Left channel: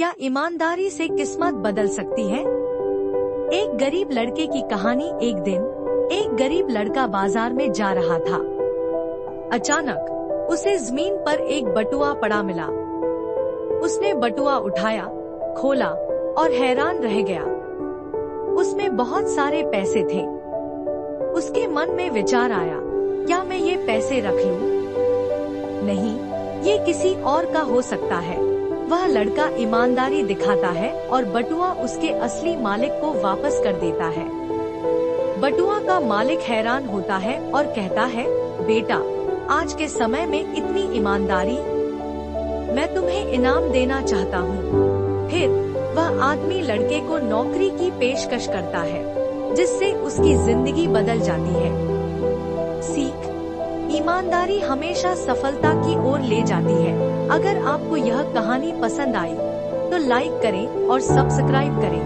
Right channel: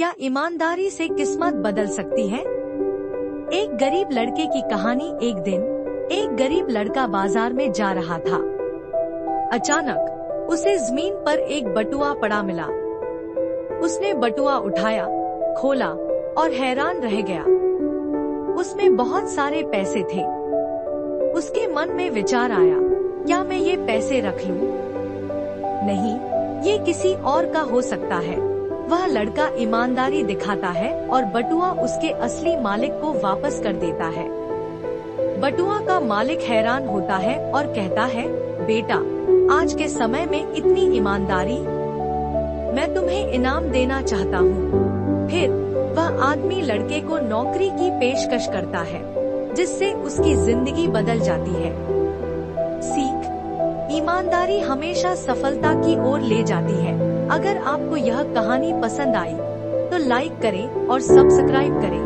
क्या ईमानदारी से किस्मत बदल सकती है? एक गरीब लड़के की कहानी। एक दिन एक गरीब लड़का बाजार में जा रहा था। अचानक उसे जमीन पर एक बटुआ पड़ा मिला। उसने बटुआ उठाया, खोला और हैरान रह गया। उसमें बहुत सारे पैसे थे। उसके मन में विचार आया, क्या मैं ये पैसे रख लूं? नहीं, ये किसी और का हो सकता है। वह लड़का ईमानदारी दिखाता है और बटुआ उसके असली मालिक को वापस कर देता है। बटुआ का मालिक हैरान होता है और कहता है, बेटा, आज के समय में इतनी ईमानदारी, मैं तुम्हें इनाम देना चाहता हूँ। फिर वह आदमी लड़के को नौकरी की पेशकश करता है, जिससे उसकी जिंदगी बदल जाती है। सीख: ईमानदारी हमेशा सफलता की ओर ले जाती है। अगर आपको यह कहानी पसंद आई तो लाइक करें और सब्सक्राइब करें।